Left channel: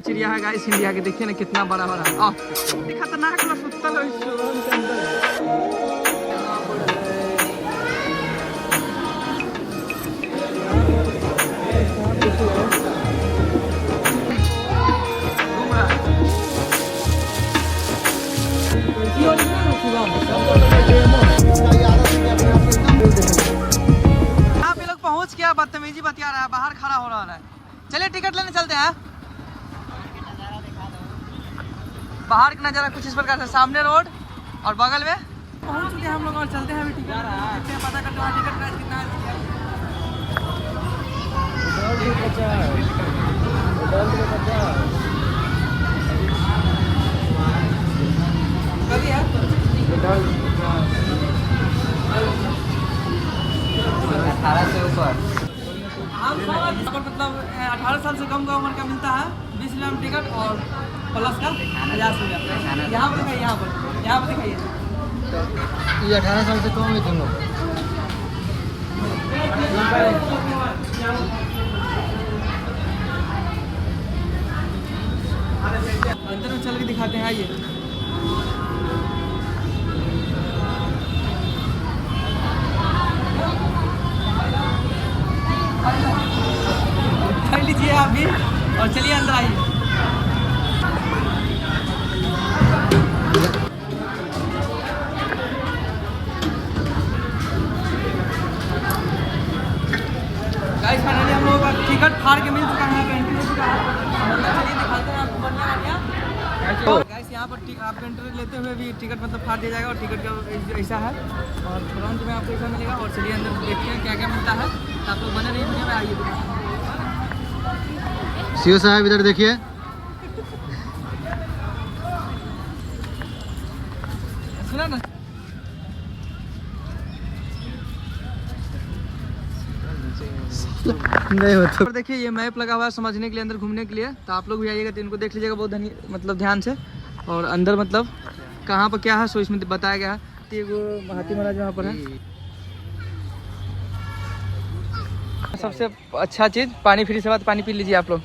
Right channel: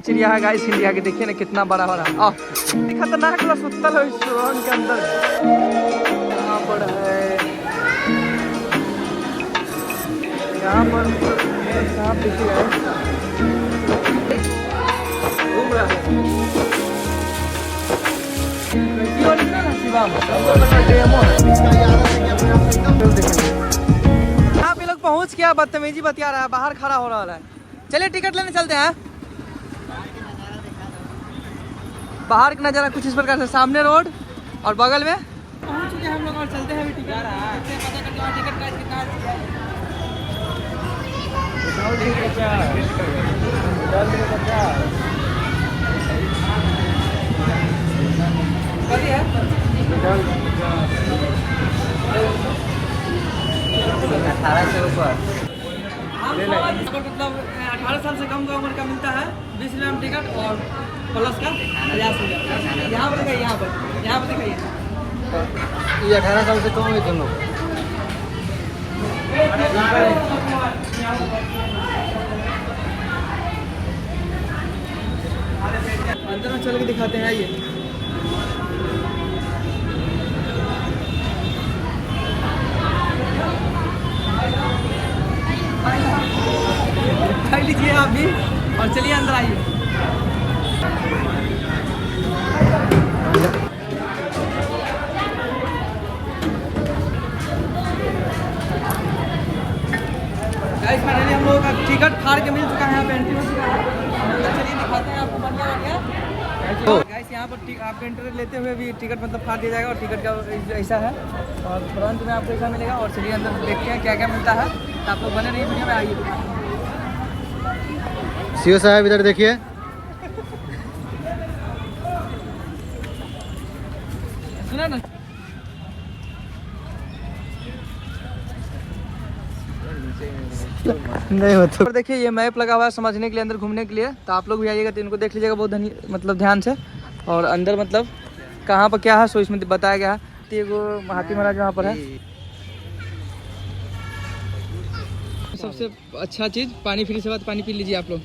चिड़िया है guys India के, देखिए ना कितना बड़ा बड़ा खतरनाक वाला सुतल है इस सुरंग के अंदर। यहाँ पर है, यहाँ पर सांप देखिए घूम रहा है। आप ये लोग पहुँच गया, बदतमीजी बतिया रहा है, बाहर खड़ा हो रहा है। चलिए टिकट लेने चलते हैं। बाहर का नज़ारा कुछ इस प्रकार से, सामने रोड और बगल में पहुंच चुके हम लोग और चलते हैं अभी टिकट पता करने वाला, टिकट प्राइस कितना है। मतलब 18 साल से कम उम्र का मिलता है 20 लाख टिकट और प्लस का 50 रुपया। यहाँ पर दिखाइए, यहाँ पर दिखाइए। ये 18 साल से कम है तुम लोग। अंदर में चल के दिखाते हैं। आइए लीजिए आप भी और चलिए अंदर आइए। फाइनली हम लोगों का टिकट फाड़ के मिल चुका है, एंट्री हो चुका है। चलिए दिखाते हैं आपको बढ़िया बढ़िया। गाइस यहाँ पर आप एंट्री लेते हुए भी टिकट मतलब फाड़ दिया जाएगा और टिकट का ऐसा है और फ्रंट में आपको ऐसा मिलेगा। और चलिए अंदर देखते हैं क्या क्या मिलता है। तो आप लोग बने नहीं वीडियो में, आइए। सीओ साहब इधर देखिए। सुना ना, नहीं होता। और देखिए ये मैप लगा हुआ है समझने के लिए, अंदर घूमने के लिए। तो आप लोग भी आइएगा तो इनको देख लीजिएगा बहुत मतलब ध्यान से। और अंदर मतलब कहाँ पर क्या है सो इसमें बताया गया है। एगो हाथी महाराज वहाँ पर है। सबसे अच्छा चीज़ पानी फ्री से बात, पानी पी लीजिए आप लोग।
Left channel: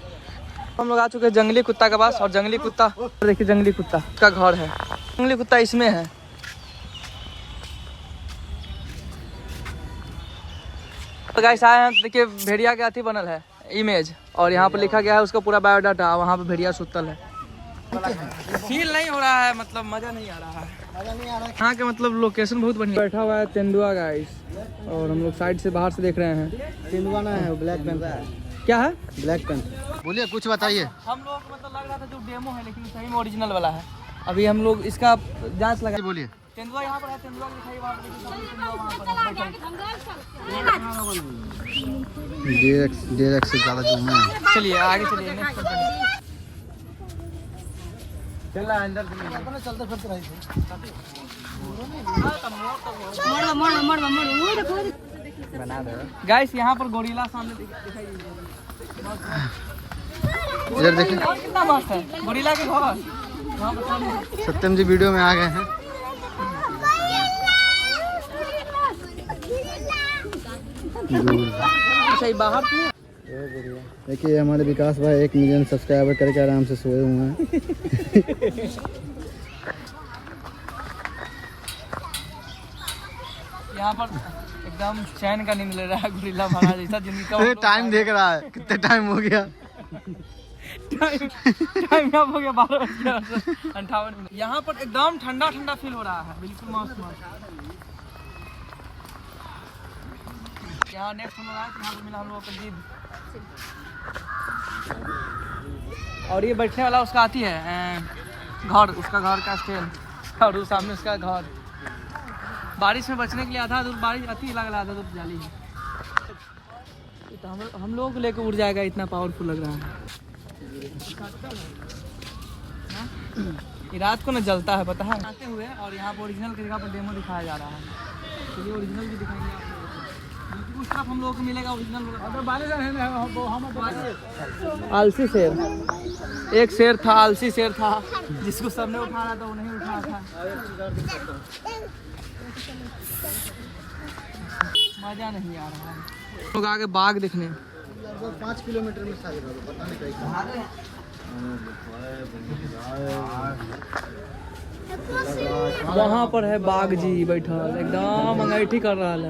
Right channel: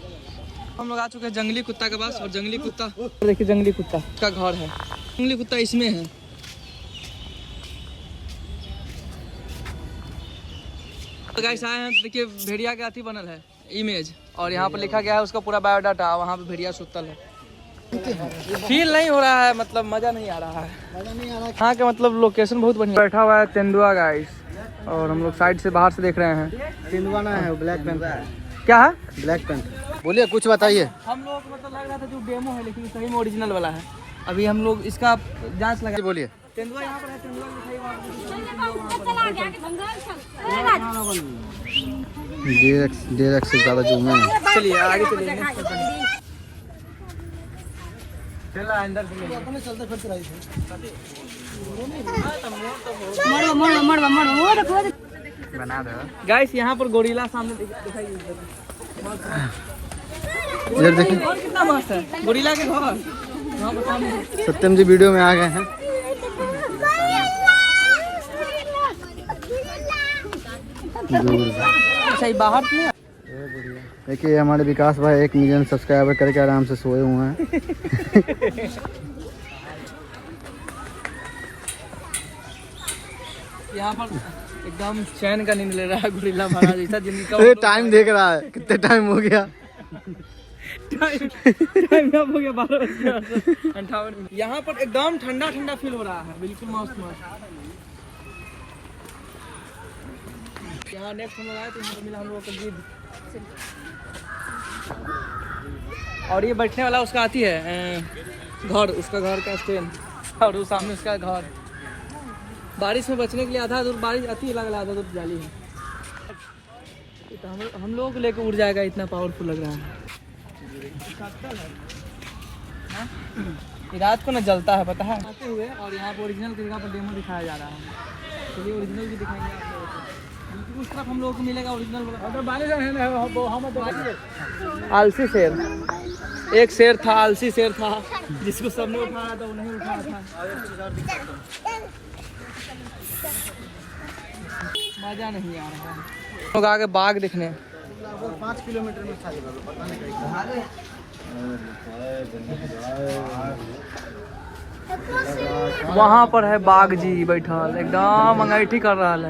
हम लोग आ चुके हैं जंगली कुत्ता के पास। और जंगली कुत्ता देखिए, जंगली कुत्ता का घर है। जंगली कुत्ता इसमें है। तो गाइस आए हैं, देखिए भेड़िया के अथी बनल है इमेज और यहाँ पर लिखा गया है उसका पूरा बायोडाटा। वहाँ पे भेड़िया सुतल है। फील नहीं हो रहा है, मतलब मजा नहीं आ रहा है। हाँ के मतलब लोकेशन बहुत बढ़िया। बैठा हुआ है तेंदुआ गाइस और हम लोग साइड से बाहर से देख रहे हैं। तेंदुआ ना है, ब्लैक पैंथर। क्या है? Black panther. बोलिए कुछ बताइए। हम लोग मतलब लग रहा था जो डेमो है लेकिन सही में ओरिजिनल वाला है। अभी हम लोग इसका जांच लगा। बोलिए। तेंदुआ यहाँ पर है, तेंदुआ DX से ज़्यादा जूम है। चलिए आगे चलिए नेक्स्ट करते हैं। गाइस यहाँ पर गोरिल्ला सामने दिखाइए। इधर देखिए कितना मस्त है गोरिल्ला के घर। सत्यम जी वीडियो में आ गए हैं। सही बाहर देखिए हमारे विकास भाई 1 मिलियन सब्सक्राइबर करके आराम से सोए हुए हैं। यहाँ पर एकदम चैन का नहीं मिल रहा गोरिल्ला महाराज ऐसा जिनका टाइम देख रहा है कितने टाइम हो गया। टाइम हो गया 12:58। यहाँ पर एकदम ठंडा ठंडा फील हो रहा है, बिल्कुल मस्त मस्त। यहाँ नेक्स्ट हम लोग आए तो यहाँ पर मिला हम लोगों को गिद्ध। और ये बैठने वाला उसका आती है घर, उसका घर का स्टैंड और उस सामने उसका घर। बारिश में बचने के लिए आधा दूर बारिश आती है, लग रहा है आधा दूर जाली है। तो हम लोगों को लेकर उड़ जाएगा, इतना पावरफुल लग रहा है। ये रात को ना जलता है पता है। आते हुए और यहाँ पर ओरिजिनल की जगह पर डेमो दिखाया जा रहा है। चलिए ओरिजिनल भी दिखेंगे आप लोगों को। उस तरफ हम लोगों को मिलेगा ओरिजिनल। आलसी शेर, एक शेर था, आलसी शेर था जिसको सबने उठाया था वो नहीं उठाया था। मजा नहीं आ रहा है। लोग आगे बाघ दिखने 5 किलोमीटर वहाँ पर है बाघ जी बैठल एकदम अंगैठी कर रहा है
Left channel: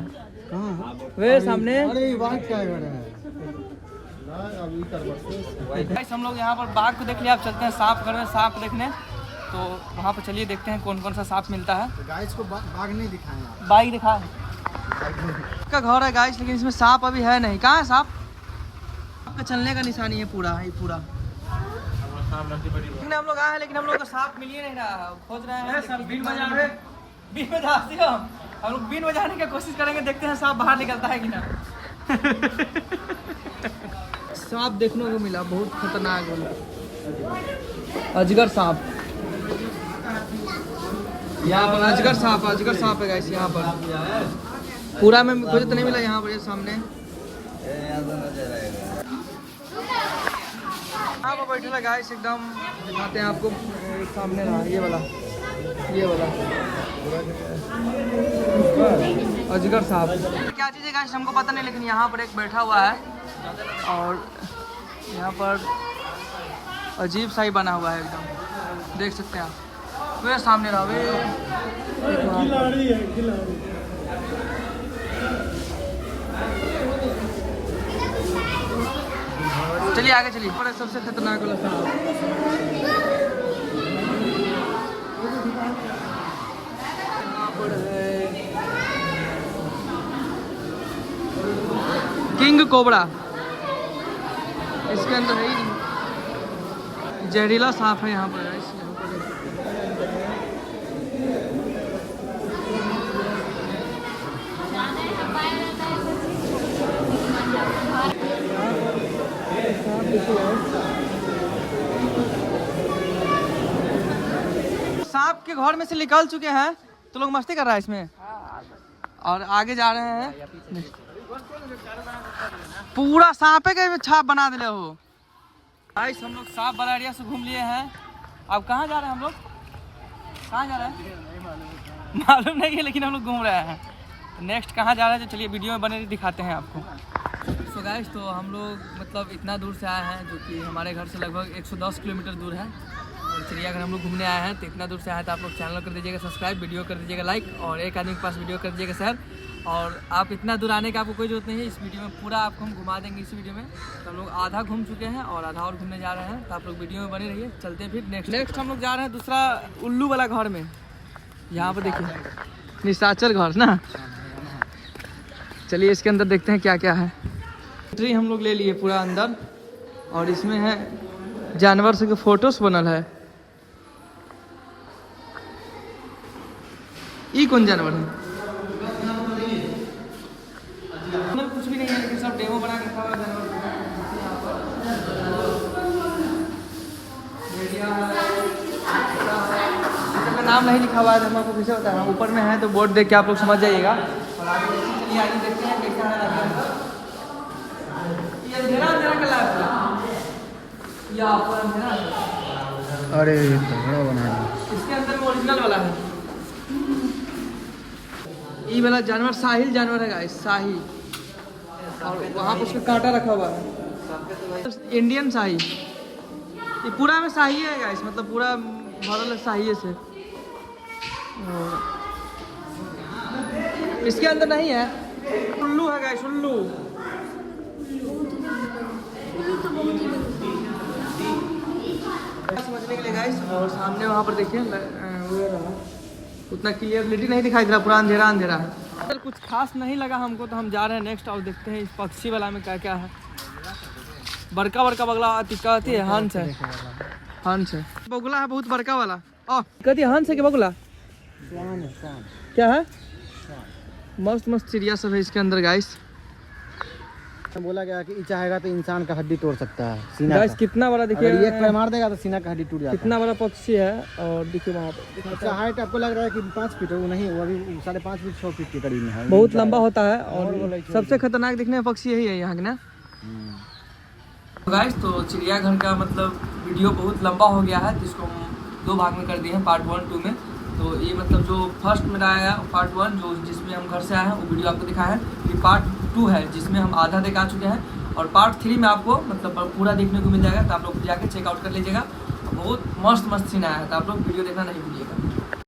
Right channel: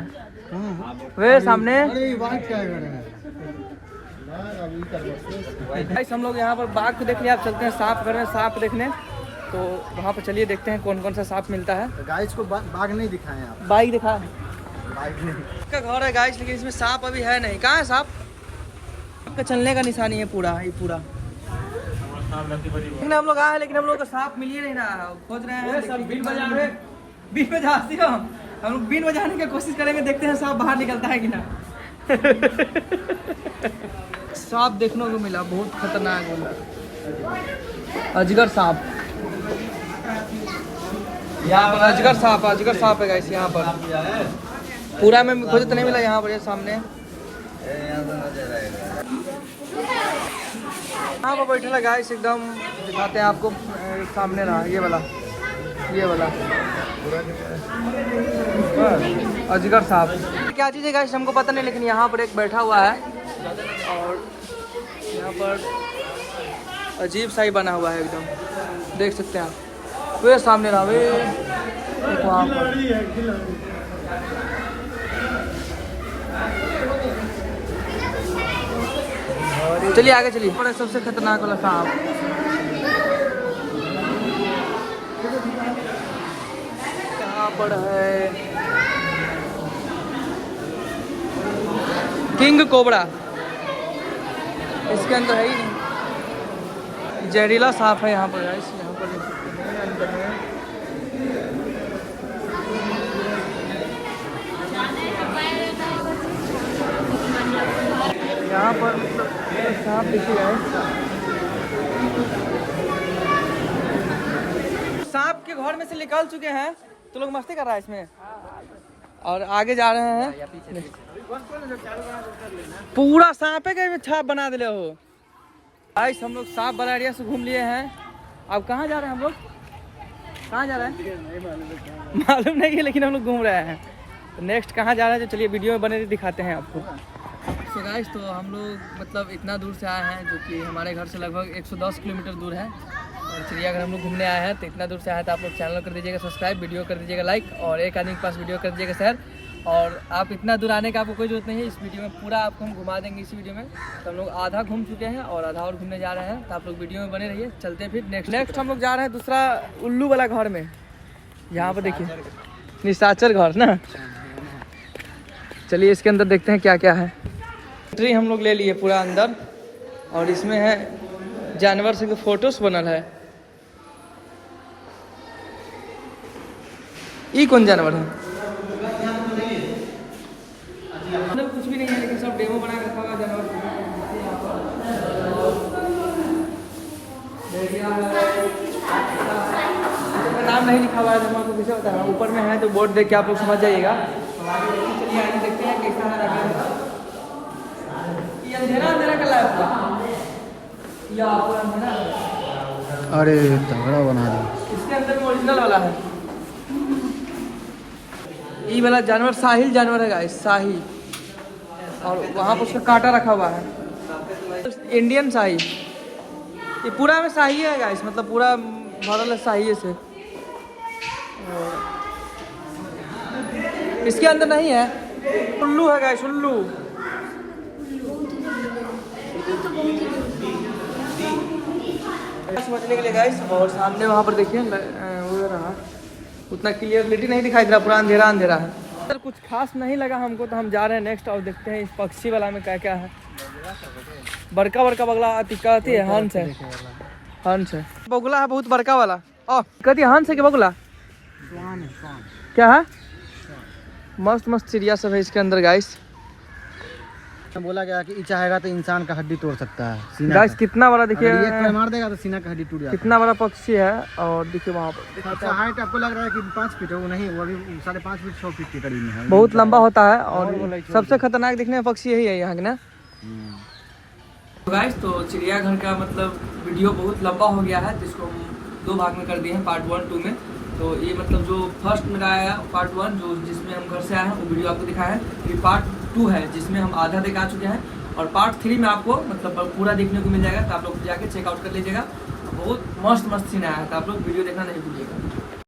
वे सामने। गाइस हम लोग यहाँ पर बाघ को देख लिया, आप चलते हैं सांप घर में सांप देखने। तो वहाँ पर चलिए देखते हैं कौन कौन सा सांप मिलता है। गाइस को बाघ नहीं दिखाए आप? बाघ दिखा का घर है गाइस, लेकिन इसमें सांप अभी है नहीं। कहाँ है सांप? आपका चलने का निशानी है पूरा, ये पूरा। लेकिन हम लोग आए, लेकिन हम लोग को सांप मिल ही नहीं रहा। खोज रहे हैं सब, बीन बजा रहे, बीन बजाती हो। हम लोग बीन बजाने की कोशिश करेंगे, देखते हैं सांप बाहर निकलता है कि ना। सांप देखने को मिला, बहुत खतरनाक वाला अजगर सांप। यहाँ पर अजगर सांप है गाइस। यहाँ पर पूरा में मुझे तो नहीं मिला, यहाँ पर ये सामने यहाँ पर बैठे लगा गाइस एकदम। दिखाते हैं आपको, सामने रहा ये वाला अजगर सांप। क्या चीज़ है गाइस हमको पता नहीं, लेकिन यहाँ पर एक बैठा हुआ है और यहाँ पर अजीब सा ही बना हुआ है एकदम, देख सकते हैं आप। वे सामने रहा, वे देखो आप। चलिए आगे चलिए। पर सबसे खतरनाक वाला सांप यहाँ पर है, किंग कोबरा। इसके अंदर है ही नहीं, जहरीला सांप है यहाँ पर गाइस। यहाँ पर सांप देखिए गाइस, सांप के घर में से निकल चुके हैं तो लोग मस्ती कर रहा है इसमें और आगे जा रहे हैं। पूरा सांप के छाप बना दिले हो गाइस। हम लोग सांप वाला एरिया से घूम लिए हैं। अब कहाँ जा रहे हैं हम लोग? कहाँ जा रहे हैं मालूम नहीं है, लेकिन हम लोग घूम रहे हैं। तो नेक्स्ट कहाँ जा रहे हैं, तो चलिए वीडियो में बने दिखाते हैं आपको। तो गाइस तो हम लोग मतलब इतना दूर से आए हैं, जो कि हमारे घर से लगभग 110 किलोमीटर दूर है। और चिड़ियाघर हम लोग घूमने आए हैं, तो इतना दूर से आए तो आप लोग चैनल कर दीजिएगा सब्सक्राइब, वीडियो कर दीजिएगा लाइक, और एक आदमी के पास वीडियो कर दीजिएगा शेयर। और आप इतना दूर आने का आपको कोई जरूरत नहीं है। इस वीडियो में पूरा आपको हम घुमा देंगे इस वीडियो में। तो हम लोग आधा घूम चुके हैं और आधा और घूमने जा रहे हैं, तो आप लोग वीडियो में बने रहिए। चलते हैं फिर नेक्स्ट हम लोग जा रहे हैं दूसरा उल्लू वाला घर में। यहाँ पर देखिए निशाचर घर ना। चलिए इसके अंदर देखते हैं क्या क्या है। ट्री हम लोग ले लिए पूरा अंदर, और इसमें है जानवर से फोटोस बनल है। ये कौन जानवर है? अंदर कुछ भी नहीं है, लेकिन सब डेमो बना के रखा हुआ जानवर। नाम नहीं लिखा हुआ है, जानवर को कैसे होता है? ऊपर में है तो बोर्ड देख के आप लोग समझ जाइएगा। और आगे देखते हैं कैसा है। अंधेरा का लाइफ था या पूरा अंधेरा? अरे तगड़ा बना दिया। इसके अंदर ओरिजिनल वाला है। ये वाला जानवर साहिल जानवर है गाइस, साहिल। और वहाँ पर उसका कांटा रखा हुआ है, इंडियन शाही। ये पूरा में शाही है गाइस, मतलब पूरा भरल है शाही से। और इसके अंदर नहीं है, उल्लू है गाइस, उल्लू। समझने के लिए गाइस। और सामने वहाँ पर देखिए उतना क्लियरलिटी नहीं दिखाई दे रहा, पूरा अंधेरा अंधेरा है। सर कुछ खास नहीं लगा हमको, तो हम जा रहे हैं नेक्स्ट और देखते हैं इस पक्षी वाला में क्या क्या है। बड़का बड़का बगला कहती है, हंस है, हंस है। बगुला है बहुत बड़का वाला। कहती है हंस है कि बगुला क्या है? मस्त मस्त चिड़िया सब है इसके अंदर गाइस। बोला गया कि चाहेगा तो इंसान का हड्डी तोड़ सकता है। गाइस कितना बड़ा देखिए, ये मार देगा तो सीना का हड्डी टूट जाता है। कितना बड़ा पक्षी है। और देखिए वहाँ पर अच्छा हाइट आपको लग रहा है कि 5 फीट है, वो नहीं, वो अभी 5.5 फीट 6 फीट के करीब में है। बहुत लंबा होता है। और सबसे खतरनाक दिखने में पक्षी यही है यहाँ के ना। गाइस तो चिड़ियाघर का मतलब वीडियो बहुत लंबा हो गया है, जिसको हम 2 भाग में कर दिए हैं, पार्ट 1 2 में। तो ये मतलब जो फर्स्ट मेरा आया है पार्ट 1, जो जिसमें हम घर से आए हैं वो वीडियो आपको दिखाया है। ये पार्ट 2 है, जिसमें हम आधा दिखा चुके हैं। और पार्ट 3 में आपको मतलब पूरा देखने को मिल जाएगा, तो आप लोग जाके चेकआउट कर लीजिएगा। बहुत मस्त सीन आया है, तो आप लोग वीडियो देखना नहीं भूलिएगा।